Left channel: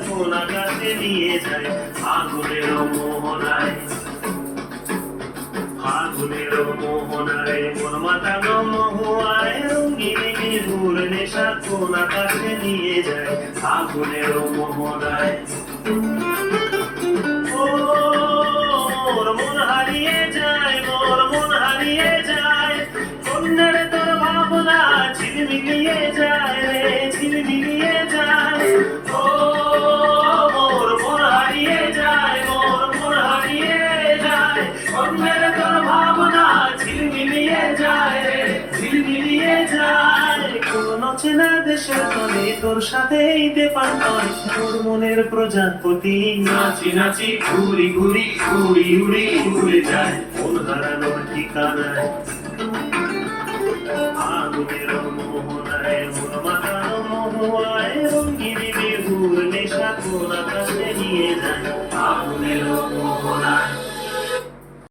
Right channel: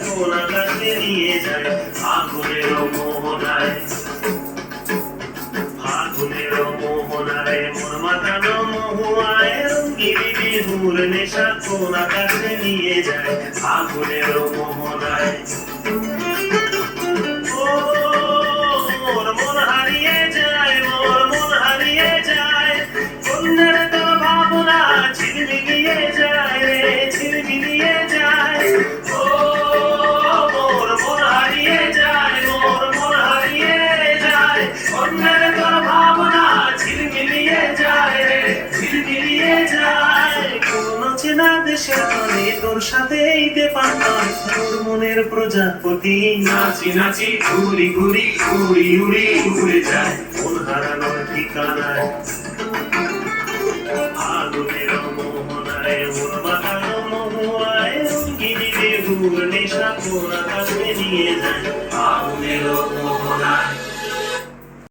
কোন আকাশে নিয়ে যায় আগুনের মোহনায়। আগুনের মোহনায় মন মাতানো মহুয়ায় রঙিন বিহুর নেশা কোন আকাশে নিয়ে যায় আগুনের মোহনায়। মোর মন হারিয়ে যায়, মোর মন হারিয়ে যায়, কন্যার তোর ভাবনা ঝিলমিলিয়ে যায় রে, ঝিলমিলিয়ে যায়। ও মোর মন হারিয়ে যায়, মোর মন হারিয়ে যায়, কন্যার তোর ভাবনা ঝিলমিলিয়ে যায় রে, ঝিলমিলিয়ে যায়। কোন চেনা দেশের তলে তোর সাথে ঈদে পান্তার তোর মনের প্রজাপতি নাচি নাচি ঘুরি ঘুরি উড়ি উড়ি উড়ে যায় মন হারানোর ঠিকানায়। আগুনের মোহনায় মন মাতানো মহুয়ায় রঙিন বিহুর নেশা কোন আকাশে নিয়ে যায়